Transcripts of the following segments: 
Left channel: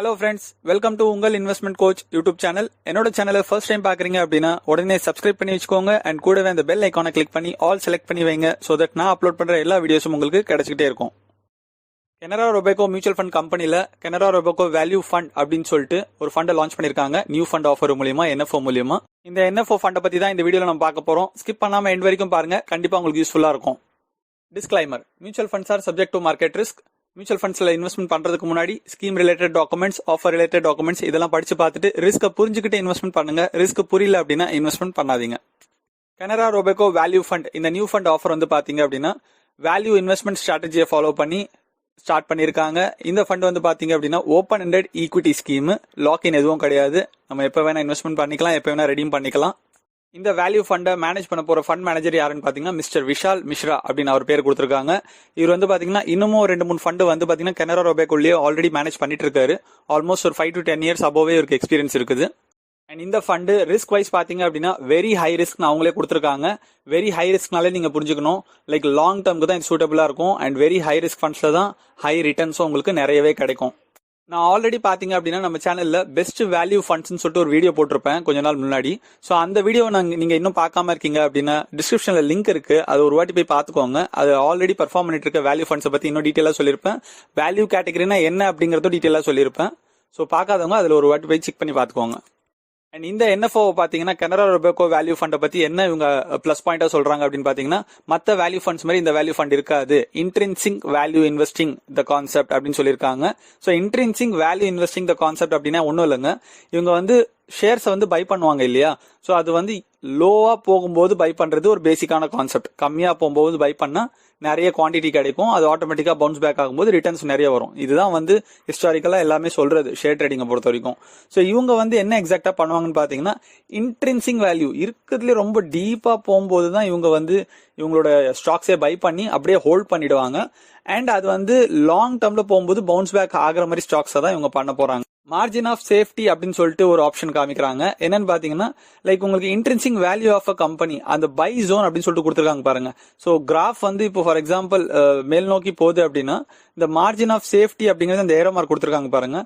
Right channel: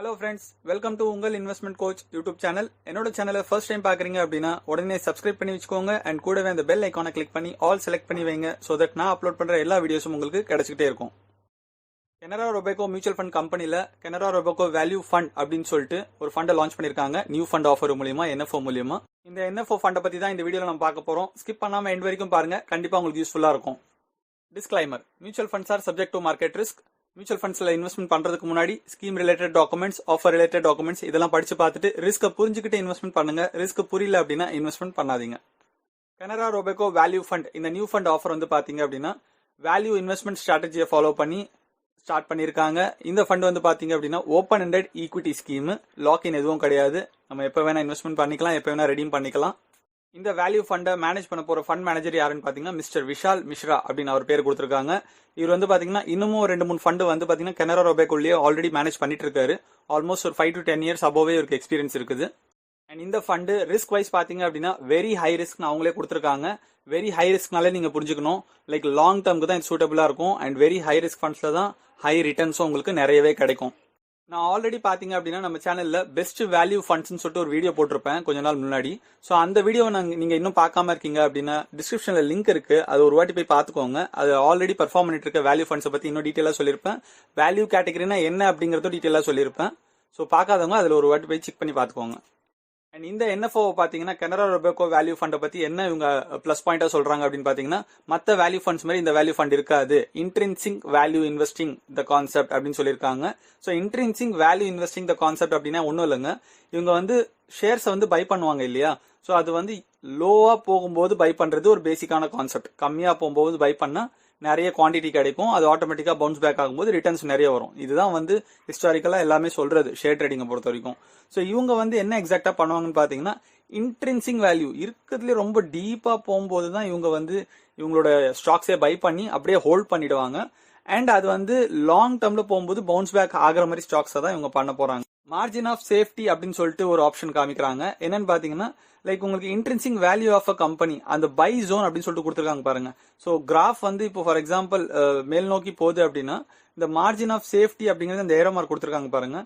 Hello friends, welcome to Ungal Investment Coach YouTube channel. என்னோட சேனலை first time பார்க்குறீங்க அப்படின்னா உடனே subscribe பண்ணி வச்சுக்கோங்க and கூடவே அந்த bell icon-ஐ click பண்ணி all select பண்ணி வைங்க so that நான் upload பண்ற எல்லா வீடியோஸும் உங்களுக்கு கிடைச்சிக்கிட்டே இருக்கும். Canara Robeco Mutual Fund கம்பெனில Canara Robeco Value Fund அப்படின்னு சொல்லிட்டு ஒரு ஃபண்டை லான்ச் பண்ணிருக்காங்க நியூ ஃபண்ட் ஆஃபர் மூலியமா NFO மூலியமா. இந்த NFO ஃபண்டை பத்தி தான் இந்த வீடியோல நம்ம பார்க்க போறோம். ஸ்கிப் பண்ணாம எண்ட் வரைக்கும் பாருங்க, கண்டிப்பா உங்களுக்கு யூஸ்ஃபுல்லா இருக்கும். Disclaimer: Mutual funds are subject to market risk. Mutual ஃபண்ட்ஸ்ல இன்வெஸ்ட்மெண்ட் பண்றதுக்கு முன்னாடி scheme related documents, offer related documents இதெல்லாம் படிச்சு பார்த்துட்டு ரிஸ்க்கை புரிஞ்சுக்கிட்டு இன்வெஸ்ட்மெண்ட் பண்ணுங்க. ரிஸ்க் புரியல அப்படின்னா இன்வெஸ்ட்மெண்ட் பண்ணாதீங்க. Canara Robeco Value Fund இந்த நியூ ஃபண்ட் ஆஃபர் வந்து பாத்தீங்க அப்படின்னா வேல்யூ இன்வெஸ்ட்மெண்ட் ஸ்ட்ராட்டஜியை ஃபாலோ பண்ணி ஸ்டார்ட் பண்ணியிருக்காங்க. இந்த ஃபண்ட் வந்து பாத்தீங்க அப்படின்னா open ended equity scheme, login எதுவும் கிடையாது. நம்ம எப்போ வேணா இன்வெஸ்ட்மெண்ட் பண்ணிக்கலாம், எப்போ வேணா ரெடீம் பண்ணிக்கலாம். இந்த வேல்யூ ஃபண்டை மேனேஜ் பண்ண போற ஃபண்ட் மேனேஜர் யாருன்னு பாத்தீங்கன்னா மிஸ்டர் விஷால் மிஸ்ரா அப்படின்னு அவர் பேர் கொடுத்திருக்காங்க. இவர் வந்து பாத்தீங்கன்னா இன்னமும் 2-3 ஃபண்ட் வந்து பாத்தீங்கன்னா Canara Robecoலயே ஆல்ரெடி மேனேஜ் பண்ணிட்டு இருக்காரு. ஆல்மோஸ்ட் ஒரு 5 to 10 years அபோவே இவருக்கு எக்ஸ்பீரியன்ஸ் இருக்குது. அண்ட் இந்த ஃபண்டு ரிஸ்க் வைஸ் பாத்தீங்க அப்படின்னா வெரி ஹை ரிஸ்க் அவங்களே கொடுத்திருக்காங்க. வெரி ஹை ரிஸ்க்னாலே நீங்க புரிஞ்சுக்கணும், லைக் லாங் டர்முக்கு தான் இது சூட்டபிளா இருக்கும். அண்ட் வெரி ஹை ரிஸ்க் ஃபண்ட்ஸ்ல தான் ஹை ரிட்டர்ன்ஸும் உங்களுக்கு நிறையவே கிடைக்கும். நான் ஆல்ரெடி பாத்தீங்க அப்படின்னா நம்ம சேனல்ல பெஸ்ட் வேல்யூ ஃபண்ட்ஸ்னு சொல்லிட்டு ஒரு வீடியோ போட்டிருப்பேன் கொஞ்ச நாள் முன்னாடி. ஸோ அந்த வீடியோ நீங்க இன்னும் பார்க்காம இருக்கீங்க அப்படின்னா டிஸ்கிரிப்ஷன்ல லிங்க் இருக்கு, அது ஒரு வாட்டி போய் பார்த்துக்கோங்க. அது ஆல்ரெடி பர்ஃபார்ம் பண்ணிட்டு இருக்க வேல்யூ ஃபண்ட்ஸை பத்தி இன்னும் டீட்டெயிலா சொல்லியிருப்பேன். வேல்யூ கேட்டகரினா என்ன அப்படிங்கறதும் டீட்டெயிலா சொல்லியிருப்பேன். ஸோ பார்க்காதவங்க அதுல ஒரு வாட்டி போய் செக் பண்ணி பார்த்துக்கோங்க. அண்ட் இந்த NFO பாத்தீங்கன்னா Canara Robeco வேல்யூ ஃபண்டை பத்தி என்ன இவங்க பிளஸ் பாயிண்டா சொல்றாங்க அப்படின்னு பாத்தீங்கன்னா மத்த வேல்யூ ஃபண்ட்ஸ் மாதிரி இந்த வேல்யூ ஃபண்ட் இருக்காது. Intrinsic value investing the concept அப்படின்னு சொல்லியிருக்காங்க. So intrinsic value investing the concept அப்படின்னா ஒன்றும் இல்லைங்க, இவங்க வந்து ஷேர்ஸ் வந்து பை பண்ணுவாங்க இல்லையா. ஸோ அது வந்து லோவா போகும்போது பை பண்றது ஒரு பேசிக்கான கான்செப்ட். கம்மியா போகும்போது பை பண்ணா நிறைய குவான்டிட்டி கிடைக்கும், அது ஆட்டோமேட்டிக்கா பவுன்ஸ் பேக் ஆகும்போது ரிட்டர்ன்ஸ் நிறைய வரும். இதுதான் வந்து ஹிஸ்டாரிக்கலா எல்லாமே சொல்றது ஷேர் ட்ரேடிங்கை பொறுத்த வரைக்கும். ஸோ இவங்க வந்து என்ன எக்ஸாக்டா பண்ணுவாங்கன்னு பாத்தீங்கன்னா இன்ட்ரின்சிக் வேல்யூ இருக்கிறதுல ரொம்ப டீப்பா போகும்போது தான் இவங்க வந்து இவங்களோட ஸ்டாக்ஸே பை பண்ணி அப்படியே ஹோல்ட் பண்ணிடுவாங்க. அண்ட் அது வந்து லாங் டர்ம்ல போகும்போது பவுன்ஸ் பேக் ஆகிற மாதிரி ஸ்டாக்ஸை தான் இவங்க பண்ண போறாங்க. மார்ஜின் ஆஃப் சேஃப்டி அப்படின்னு சொல்லிட்டு ஒரு ஆப்ஷன் காமிக்கிறாங்க. என்னன்னு பாத்தீங்கன்னா லைக் உங்களுக்கு intrinsic value of a company அந்த பை ஜோன் அப்படின்னு சொல்லிட்டு கொடுத்துருக்காங்க பாருங்க. ஸோ கிராஃப் வந்து இப்போ ஃபார் எக்ஸாம்பிள் மேல் நோக்கி போகுது அப்படின்னா இந்த மார்ஜின் ஆஃப் சேஃப்டி அப்படிங்கிறது அந்த ஏரோ மார்க் கொடுத்துருக்காங்க பாருங்க.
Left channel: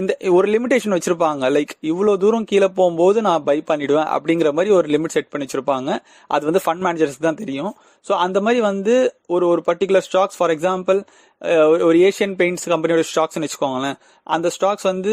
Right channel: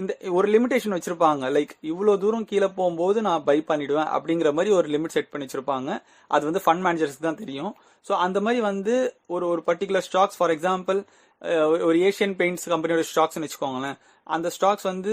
இந்த ஒரு லிமிடேஷன் வச்சிருப்பாங்க, லைக் இவ்வளவு தூரம் கீழே போகும்போது நான் பை பண்ணிடுவேன் அப்படிங்கிற மாதிரி ஒரு லிமிட் செட் பண்ணி வச்சிருப்பாங்க. அது வந்து ஃபண்ட் மேனேஜர்ஸ் தான் தெரியும். ஸோ அந்த மாதிரி வந்து ஒரு பர்டிகுலர் ஸ்டாக்ஸ் ஃபார் எக்ஸாம்பிள் ஒரு ஏஷியன் பெயிண்ட்ஸ் கம்பெனியோட ஸ்டாக்ஸ்னு வச்சுக்கோங்களேன். அந்த ஸ்டாக்ஸ் வந்து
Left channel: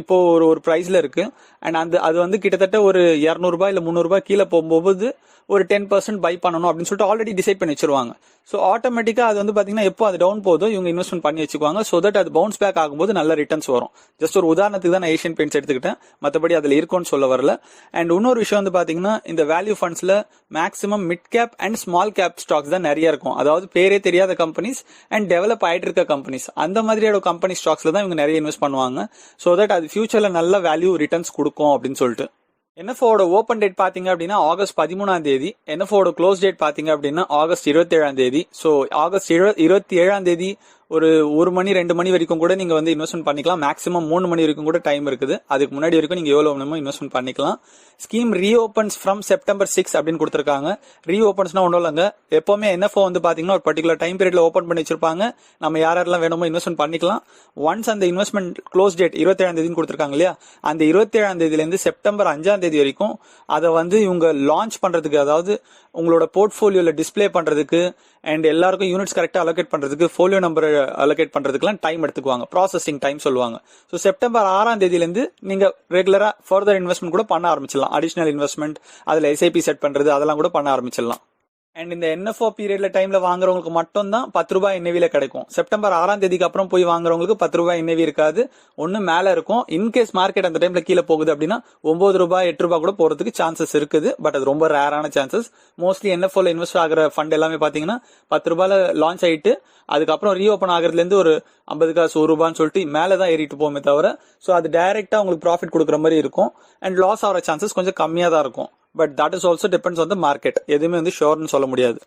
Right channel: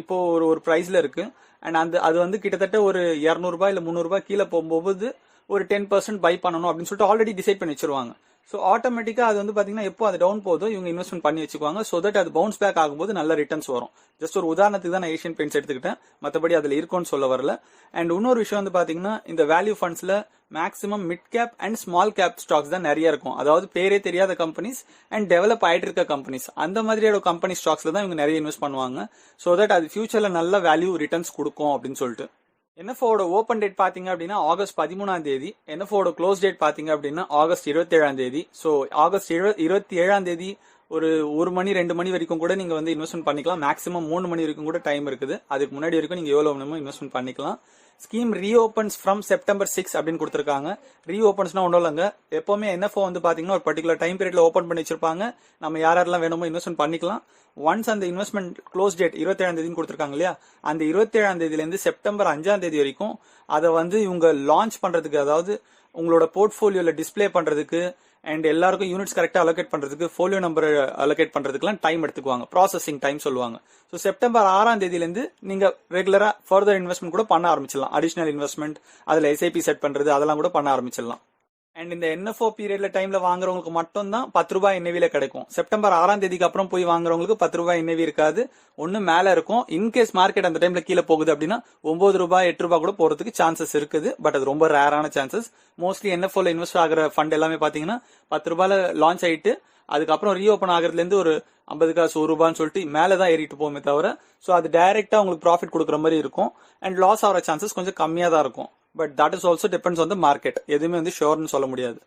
இப்போ ஒரு பிரைஸ்ல இருக்கு. அண்ட் அது வந்து கிட்டத்தட்ட ஒரு 200 ரூபாய் இல்ல 300 ரூபாய் கீழே போகும்போது ஒரு 10% பை பண்ணணும் அப்படின்னு சொல்லிட்டு ஆல்ரெடி டிசைட் பண்ணி வச்சிருவாங்க. ஸோ ஆட்டோமேட்டிக்கா அது வந்து பாத்தீங்கன்னா எப்போ அது டவுன் போதோ இவங்க இன்வெஸ்ட்மெண்ட் பண்ணி வச்சுக்குவாங்க. ஸோ தட் அது பவுன்ஸ் பேக் ஆகும்போது நல்ல ரிட்டர்ன்ஸ் வரும். ஜஸ்ட் ஒரு உதாரணத்துக்கு தான் நான் ஏஷியன் பெயிண்ட்ஸ் எடுத்துக்கிட்டேன், மற்றபடி அதுல இருக்கும்னு சொல்ல வரல. அண்ட் இன்னொரு விஷயம் வந்து பாத்தீங்கன்னா இந்த வேல்யூ ஃபண்ட்ஸ்ல maximum mid cap and small cap stocks தான் நிறைய இருக்கும். அதாவது பேரே தெரியாத கம்பெனிஸ் அண்ட் டெவலப் ஆயிட்டு இருக்க கம்பெனிஸ், அந்த மாதிரியோட கம்பெனி ஸ்டாக்ஸ்ல தான் இவங்க நிறைய இன்வெஸ்ட் பண்ணுவாங்க. ஸோ தட் அது ஃபியூச்சர்ல நல்ல வேல்யூ ரிட்டர்ன்ஸ் கொடுக்கும் அப்படின்னு சொல்லிட்டு. NFOட ஓப்பன் டேட் பாத்தீங்க அப்படின்னா ஆகஸ்ட் 13ஆம் தேதி. NFOட க்ளோஸ் டேட் பாத்தீங்க அப்படின்னா ஆகஸ்ட் 27ஆம் தேதி. ஸோ ஆகஸ்ட் 27ஆம் தேதி ஒரு 1 மணி 2 மணி வரைக்கும் கூட நீங்க வந்து இன்வெஸ்ட்மெண்ட் பண்ணிக்கலாம். மேக்ஸிமம் 3 மணி வரைக்கும் கூட டைம் இருக்குது. அதுக்கு முன்னாடி வரைக்கும் நீங்க எவ்வளவு வேணுமோ இன்வெஸ்ட்மெண்ட் பண்ணிக்கலாம். ஸ்கீம் ரீஓபன்ஸ் ஃப்ரம் செப்டம்பர் 6 அப்படின்னு கொடுத்துருக்காங்க. ரீஓபன்ஸ்னா ஒன்றும் இல்லைங்க, எப்பவுமே NFO வந்து பாத்தீங்கன்னா ஒரு பர்டிகுலர் டைம் பீரியட்ல ஓப்பன் பண்ணி வச்சிருப்பாங்க. நம்ம யாரெல்லாம் வேணுமோ இன்வெஸ்ட்மெண்ட் பண்ணிக்கலாம். ஒன்ஸ் அந்த இன்வெஸ்ட்மெண்ட் க்ளோஸ் டேட் 27ஆம் தேதி கொடுத்துருக்காங்க இல்லையா, அந்த 27ஆம் தேதியில இருந்து செப்டம்பர் 5ஆம் தேதி வரைக்கும் அதை வந்து இவங்க லான்ச் பண்றதுக்கு, அதாவது உங்களோட போர்ட்ஃபோலியோல டிஸ்பிளே பண்றதுக்கு அண்ட் எல்லாருக்கும் யூனிட்ஸ் கரெக்டா அலோகேட் பண்றதுக்கு, ஃபோலியோ நம்பர் அலோகேட் பண்றதுக்குலாம் டைம் எடுத்துக்குவாங்க. ப்ராசஸிங் டைம் சொல்லுவாங்க. ஸோ செப்டம்பர் 6ஆம் தேதியில இருந்து நீங்க ரெகுலரா ஃபர்தர் இன்வெஸ்ட்மெண்ட் கூட பண்ண ஆரம்பிச்சிடலாம். அடிஷனல் இன்வெஸ்ட்மெண்ட், அதுல SIP செட் பண்றது அதெல்லாம் கூட பண்ண ஆரம்பிச்சிடலாம். அண்ட் இந்த NFO பீரியட்ல டைம்ல வாங்குறவங்களுக்கு மட்டும் தான் 10 ரூபாய் NAV கிடைக்கும். செப்டம்பர் 6ஆம் தேதிக்கு அப்புறம் போய் வாங்குறவங்களுக்கு 10 ரூபாய் NAV இருக்காது, ஒன்னு மேல இருக்கும். இன்கேஸ் மார்க்கெட் அந்த டைம்ல கீழே போகுது அப்படின்னா 9 ரூபாய் 8 ரூபாய் கூட போறதுக்கு சான்சஸ் இருக்குது. பட் அது ரொம்ப ரேரான சான்சஸ். மோஸ்ட்லி NFOல இன்வெஸ்ட் ஆகிற ஃபண்ட் எல்லாமே பாத்தீங்கன்னா 10 ரூபாயில லான்ச் ஆயிட்டு அதுக்கப்புறம் ரீஓபன் ஆகிறதுல இருந்து ஒரு 50 காசு 1 ரூபான்னு சொல்லிட்டு மேலதான் ஏறிட்டு போகுமே தவிர, ஸோ அது டைரக்டா உங்களுக்கு ப்ராஃபிட் கொடுக்குற மாதிரி இருக்கும். அண்ட் லாஸ் ஆகிற சான்சஸ் கொஞ்சம் கம்மியா தான் இருக்கும். But that is also depends on the market. எதுவுமே வந்து ஷோர்னு சொல்ல முடியாது.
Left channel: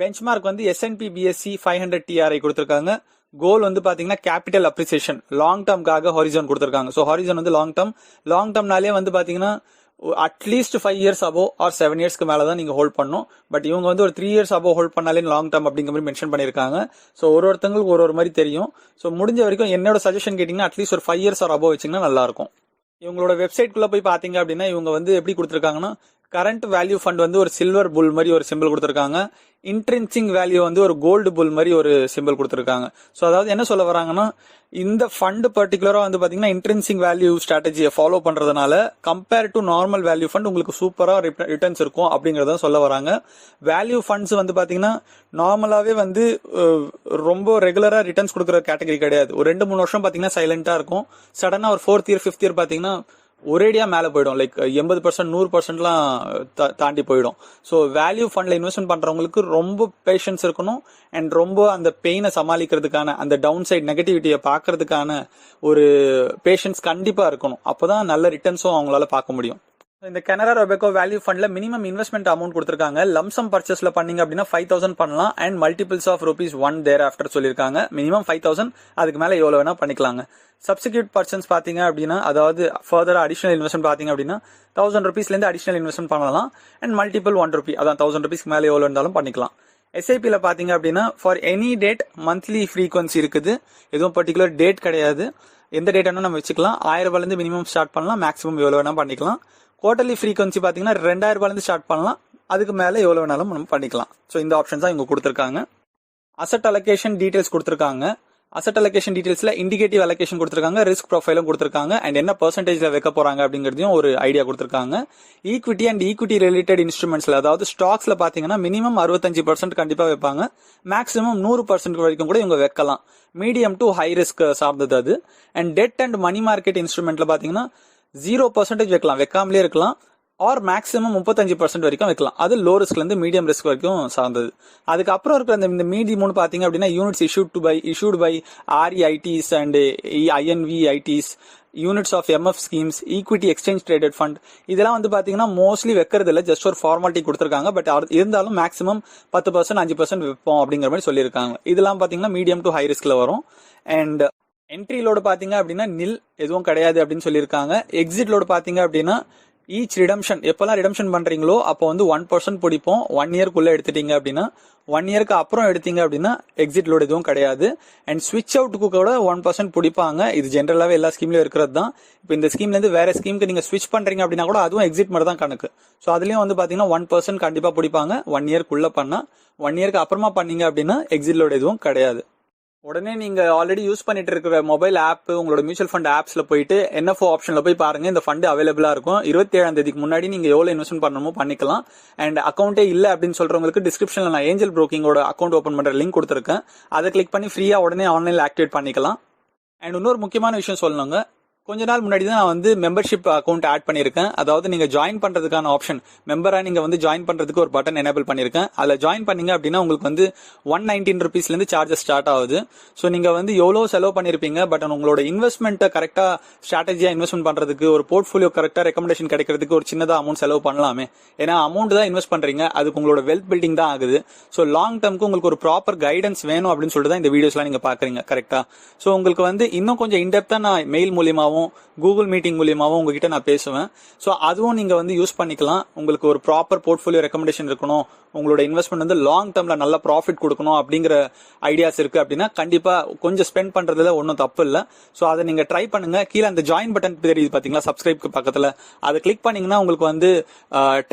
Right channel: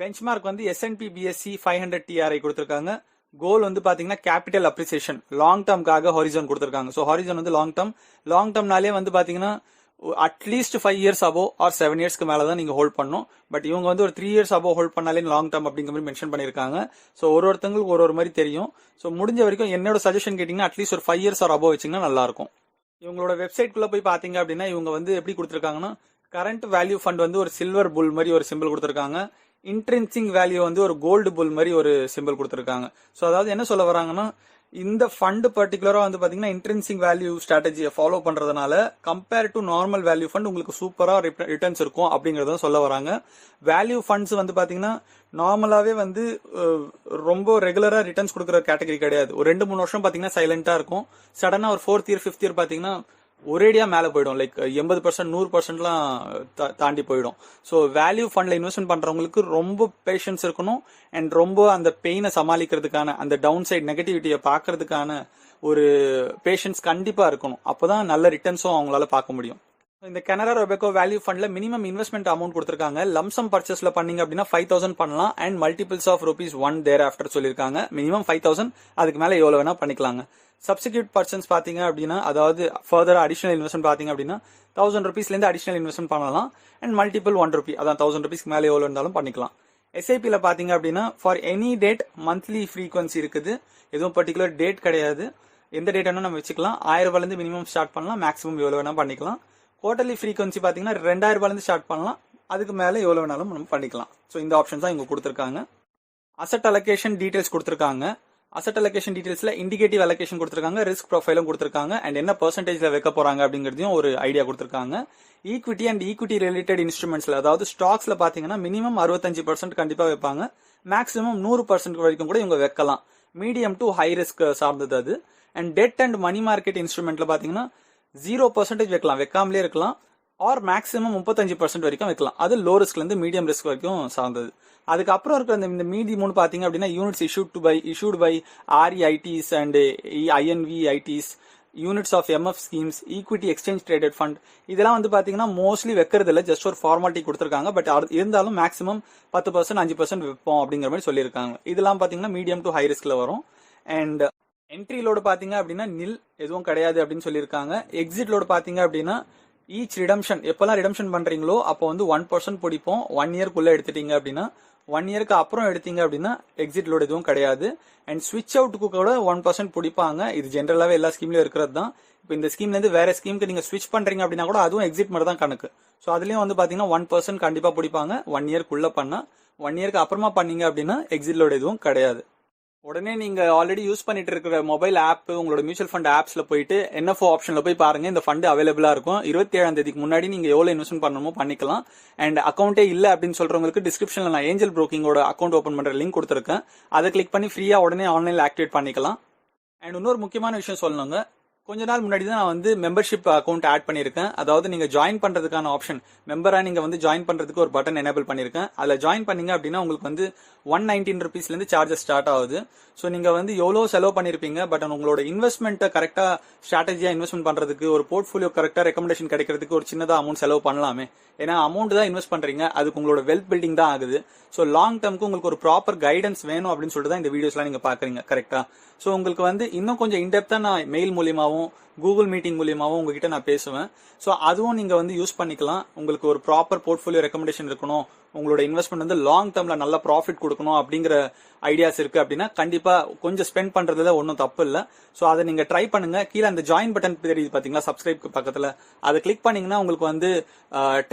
பெஞ்ச்மார்க் வந்து S&P BSE 500 TRI கொடுத்திருக்காங்க. கோல் வந்து பாத்தீங்கன்னா கேபிட்டல் அப்ரிசியேஷன், லாங் டர்ம்காக ஹாரிசன் கொடுத்திருக்காங்க. ஸோ ஹாரிசன் வந்து லாங் டர்ம்னாலே வந்து பாத்தீங்கன்னா அட்லீஸ்ட் 5 இயர்ஸ் அபோ ஆர் 7 இயர்ஸ்க்கு மேலே தான் நீங்கள் ஹோல்ட் பண்ணணும். பட் இவங்க வந்து ஒரு 3 இயர்ஸ் அபோ ஹோல்ட் பண்ணாலே லாங் டேர்ம் அப்படிங்கிற மாதிரி மென்ஷன் பண்ணியிருக்காங்க. ஸோ ஒருத்தங்களுக்கு ஒரு மாதிரி தெரியும். ஸோ முடிஞ்ச வரைக்கும் என்னோட சஜஷன் கேட்டிங்கன்னா அட்லீஸ்ட் ஒரு 5 இயர்ஸ் ஆர் அபோ வச்சிங்கன்னா நல்லாயிருக்கும். இவங்களோட வெப்சைட்குள்ளே போய் பார்த்தீங்க அப்படின்னா இவங்க வந்து எப்படி கொடுத்துருக்காங்கன்னா கரண்ட் வேல்யூ ஃபண்ட் வந்து ஒரு சில்வர் புல் மாதிரி ஒரு சிம்பிள் கொடுத்துருக்காங்க. இன்ட்ரென்சிங் வேல்யூ வந்து ஒரு கோல்டு புல் மாதிரி ஒரு சிம்பிள் கொடுத்துருக்காங்க. ஸோ அதாவது என்ன சொல்ல வராங்கன்னா இந்த ஃபண்ட் பர்டிகுலரா வந்து பாத்தீங்கன்னா இன்ட்ரென்சிங் வேல்யூ ஸ்ட்ராட்டஜியை ஃபாலோ பண்றதுனால compare to normal value fund உங்களுக்கு சூப்பரா ரிட்டர்ன்ஸ் இருக்கும் அப்படிங்கறத சொல்ல வராங்க. வேல்யூ ஃபண்ட்ஸ் வந்து பாத்தீங்கன்னா நார்மலாவே வந்து ரொம்ப ரெகுலரா ரிட்டர்ன்ஸ் கொடுக்குற கேட்டகரி கிடையாது. ஒரு 2-3 வருஷம் பாத்தீங்கன்னா சைலண்டா இருக்கும். சடனா ஒரு 4th இயர் 5th இயர் பாத்தீங்கன்னா ஒரேடியா மேல போயிடும். லைக் 80% 100%லாம் தாண்டி போயிடும். ஸோ வேல்யூ ஃபண்ட்ல இன்வெஸ்ட்மெண்ட் பண்றவங்களுக்கு ரொம்ப பேஷன்ஸ் இருக்கணும் அண்ட் ரொம்ப அந்த பெயினை சமாளிக்கிறதுக்கான அந்த டவுன் சைட் நெகட்டிவிட்டியை பார்க்கறதுக்கான ஒரு பேஷன்ஸ் கண்டிப்பா இருக்கணும். அப்போதான் நல்ல ரிட்டர்ன்ஸும் அவங்களால பார்க்க முடியும். இந்த கனரா ரொபேக்கோ வேல்யூ ஃபண்ட்ல மினிமம் இன்வெஸ்ட்மெண்ட் அமௌண்ட் கொடுத்திருக்காங்க. லம்சம் பர்ச்சேஸ்ல பண்ணீங்க அப்படின்னா 5,000 பண்ணலாம் and multiples of ₹1 thereafter சொல்லியிருக்காங்க. மினிமம் 5,000, அதுக்கு மேல எவ்வளவு வேணா பண்ணிக்கலாங்க. சப்ஸ்டிடியூட் பர்சன்ஸ் பாத்தீங்க அப்படின்னா அதாவது ஃபர்தர் அடிஷனல் இன்வெஸ்ட்மெண்ட் பாத்தீங்க அப்படின்னா ₹1,000 அடிஷனல் இன்வெஸ்ட்மெண்ட் பண்ணலாம் அண்ட் மல்டிபிள் ₹1 அதான் ₹1,000 மேலே எவ்வளவு இருந்தாலும் பண்ணிக்கலாம். எஸ்ஐபில பாத்தீங்க அப்படின்னா for any date monthly frequency இருக்குது. எதுவும் பர்டிகுலர் டேட் கிடையாது. எந்த டேட் வேணா நம்ம வச்சுக்கலாம். ₹1,000 மினிமம் ஸ்டார்ட் பண்ணலாம், மேக்ஸிமம் எவ்வளவு வேணா பண்ணிக்கலாம். குவார்டர்லி ஃப்ரீக்வன்சி பாத்தீங்கன்னா ₹2,000 ஸ்டார்ட் பண்ணலாம், அதுக்கு மேல எவ்வளவு வேணாலும் நம்ம பண்ணிக்கலாம். ஸோ இந்த ஆப்ஷன்ஸ் தான் இவங்க கொடுத்துருக்காங்க. அசெட் அலோகேஷன் டீடைல்ஸ் கொடுத்துருக்காங்க. அசெட் அலோகேஷன் டீடைல்ஸ்ல இண்டிகேட்டிவ் அலோகேஷன் கொடுத்துருக்காங்க, ரிஸ்க் ப்ரொஃபைலும் கொடுத்துருக்காங்க அண்ட் என்ன பெர்சன்டேஜ்ல வைக்க போறாங்க அப்படிங்கறதையும் ஒரு ஐடியா கொடுத்துருக்காங்க. ஈக்விட்டி அண்ட் ஈக்விட்டி ரிலேட்டட் இன்ஸ்ட்ருமெண்ட்ஸ்ல அதாவது ஸ்டாக்ஸ்ல பாத்தீங்கன்னா மினிமம் 65% கண்டிப்பா வைப்பாங்க, மேக்ஸிமம் 100% வரைக்கும் கூட இவங்க வைக்கலாம். மீடியம் டு ஹை ரிஸ்க் சார்ந்தது அது. And debt and money market இன்ஸ்ட்ருமெண்ட்ல பாத்தீங்கன்னா 0% வைக்கலாம், வைக்காமலே இருக்கலாம். ஆர் மேக்ஸிமம் 35% வரைக்கும் வைக்கலாம். அது லோ ரிஸ்க்ல இருந்து மீடியம் ரிஸ்க் வரைக்கும் சார்ந்தது. அதுக்கப்புறம் இருக்கிற இந்த மீதி 3 பாத்தீங்க அப்படின்னா units issued by REITs and INVITs, units of MF schemes, equity exchange traded fund, இதெல்லாம் வந்து பாத்தீங்கன்னா மோஸ்ட்லி வைக்கிறது இல்லை, ஜஸ்ட் ஒரு ஃபார்மாலிட்டி கொடுத்துருக்காங்க. பட் இருந்தாலும் மேக்ஸிமம் 10% 5% வைப்போம் அப்படிங்கிற மாதிரி சொல்லியிருக்காங்க. இதெல்லாம் பாத்தீங்கன்னா மீடியம் டு ஹை ரிஸ்க்ல வரும். அண்ட் என்ட்ரி லோடு பாத்தீங்க அப்படின்னா நில் எதுவும் கிடையாது அப்படின்னு சொல்லியிருக்காங்க. எக்ஸிட் லோடு பாத்தீங்க அப்படின்னா ஈச் ரிடம்ஷன் எப்பெல்லாம் ரிடம்ஷன் பண்றீங்களோ அப்போ வந்து 1% பிடிப்போம். 1 இயர்க்குள்ள எடுத்துட்டீங்க அப்படின்னா 1 இயருக்கு அப்புறம் எடுத்தீங்க அப்படின்னா எக்ஸிட் லோடு எதுவும் கிடையாது. அண்ட் ஸ்விட்ச் அவுட்டுக்கு கூட 1% பிடிப்பாங்க. இது ஜென்ரலாவே எல்லா ஸ்கீம்லயும் இருக்கிறது தான். இப்போ இந்த ஸ்கீம்ல இருந்து வேற ஸ்கீமுக்கு நீங்க ஸ்விட்ச் பண்றீங்க அப்படின்னா கூட அதுவும் எக்ஸிட் மாதிரி தான் கணக்கு. ஸோ அதுலயும் வந்து பாத்தீங்கன்னா 1% கண்டிப்பா பிடிப்பாங்க. 1 இயர்க்குள்ள பண்ணா. 1 இயருக்கு அப்புறமா பண்ணீங்க அப்படின்னா எக்ஸிட் லோடு எதுவும் கிடையாது. உடனே நீங்க ஆல்ரெடி யூஸ் பண்ணிட்டு இருக்கிற மொபைல் ஆப் உங்களோட மியூச்சுவல் ஃபண்ட் ஆப்ஸ்ல போயிட்டு NFO ஆப்ஷன்ல போய் பாருங்க. இந்த ஃபண்ட் அவைலபிளா இருக்கும். 27ஆம் தேதிக்கு முன்னாடி நீங்க எவ்வளவு இன்வெஸ்ட்மெண்ட் பண்ணணுமோ பண்ணிக்கலாம். அண்ட் அக்கௌண்டே இல்ல அப்படின்னு சொல்றவங்களுக்கு டிஸ்கிரிப்ஷன்ல நான் ஏஞ்சல் புரோக்கிங்கோட அக்கௌண்ட் ஓபன் பண்ற லிங்க் கொடுத்துருக்கேன். அதை கிளிக் பண்ணி ஃப்ரீயா உடனே ஆன்லைன்ல ஆக்டிவேட் பண்ணிக்கலாம். அண்ட் இன்னொரு முக்கியமான விஷயம் சொல்லணுங்க, கொஞ்ச நாள் முன்னாடி தான் நான் வந்து மெம்பர்ஷிப் அக்கௌண்ட் ஆட் பண்ணியிருக்கேன். அதாவது நீங்க ஜாயின் பண்றதுக்கான ஆப்ஷன், மெம்பரா நீங்க வந்து ஜாயின் பண்றதுக்கு ஒரு பட்டன் எனேபிள் பண்ணிருக்கேன். அதுல ஜாயின் பண்ணீங்க அப்படின்னா உங்களுக்கு வந்து ₹119 இருந்து சார்ஜஸ் ஸ்டார்ட் ஆகுது. ஸோ நீங்க வந்து எவ்வளவு செலவு பண்ணிருப்பீங்க, பட் உங்களோட இன்வெஸ்ட்மெண்ட்டை கரெக்டா ஸ்ட்ராட்டஜியா இன்வெஸ்ட்மெண்ட் பண்றதுக்கு ஒரு போர்ட்ஃபோலியோ கரெக்டா ரெக்கமெண்டேஷன் கிடைக்கிறதுக்கு ஒரு சின்னதா அமௌண்ட் செலவு பண்ணலாமே. ஏன்னா அமௌண்ட் தான் இன்வெஸ்ட் பண்றீங்க, அதுக்கு உங்களோட வெல்த் பில்டிங் தான் ஆகுது. ஸோ லாங் டேர்முக்கு உங்களுக்கு ஒரு ப்ராப்பர் கைடன்ஸ் வேணும் அப்படின்னு சொல்லிட்டு தான் இந்த வீடியோஸ்லாம் நீங்க பாக்குறீங்க கரெக்டா. ஸோ உங்களுக்கு வந்து இன்னும் கொஞ்சம் இன்டெப்தா நான் மெயில் மூலியமாவும் கூகுள் மீட்டிங் மூலியமாவும் உங்ககிட்ட நான் பேசுவேன். ஸோ அதுவும் நீங்க வந்து யூஸ் பண்ணிக்கலாம். உங்களுக்கு ஒரு ப்ராப்பர் போர்ட்ஃபோலியோ ரெக்கமெண்டேஷன் இருக்கணும், உங்களோட இன்வெஸ்ட்மெண்ட் வந்து லாங் டேர்ம்ல நல்ல ப்ராஃபிட் கொடுக்கணும் அப்படிங்கிற ஐடியாஸ் இருக்கு அப்படின்னா கண்டிப்பா கொஞ்சம் ஸ்பெண்ட் பண்றதுல ஒன்றும் தப்பு இல்லை. ஸோ அதை நீங்க ட்ரை பண்ணுங்க. கீழே அந்த ஜாயின் பட்டன் தெரியுது பாத்தீங்களா, சப்ஸ்கிரைப்க்கு பக்கத்துல, அதை கிளிக் பண்ணீங்கன்னா உங்களுக்கு வந்து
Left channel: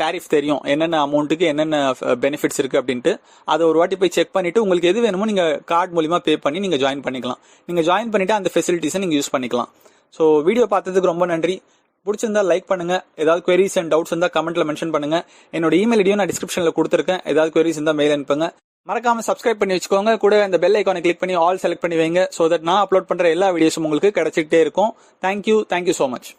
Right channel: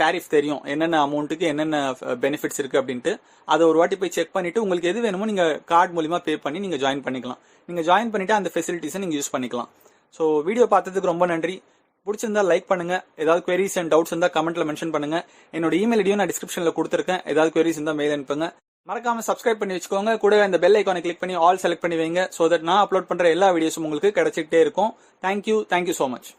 டாரிஃப் தெரியும், என்னென்ன அமௌண்ட்டுக்கு என்னென்ன பெனிஃபிட்ஸ் இருக்கு அப்படின்ட்டு. அதை ஒரு வாட்டி போய் செக் பண்ணிட்டு உங்களுக்கு எது வேணுமோ நீங்க கார்டு மூலியமா பே பண்ணி நீங்க ஜாயின் பண்ணிக்கலாம். நீங்க ஜாயின் பண்ணிட்டு அந்த ஃபெசிலிட்டிஸை நீங்க யூஸ் பண்ணிக்கலாம். ஸோ வீடியோ பார்த்ததுக்கு ரொம்ப நன்றி. பிடிச்சிருந்தா லைக் பண்ணுங்க. ஏதாவது queries அண்ட் டவுட்ஸ் இருந்தா கமெண்ட்ல மென்ஷன் பண்ணுங்க. என்னோட இமெயில் ஐடியும் நான் டிஸ்கிரிப்ஷன்ல கொடுத்துருக்கேன். ஏதாவது queries இருந்தா மெயில் அனுப்புங்க. மறக்காம சப்ஸ்கிரைப் பண்ணி வச்சுக்கோங்க. கூட அந்த பெல் ஐக்கானை கிளிக் பண்ணி ஆல் செலக்ட் பண்ணி வைங்க. ஸோ தட் நான் அப்லோட் பண்ற எல்லா வீடியோஸும் உங்களுக்கு கிடைச்சிக்கிட்டே இருக்கும். Thank you so much.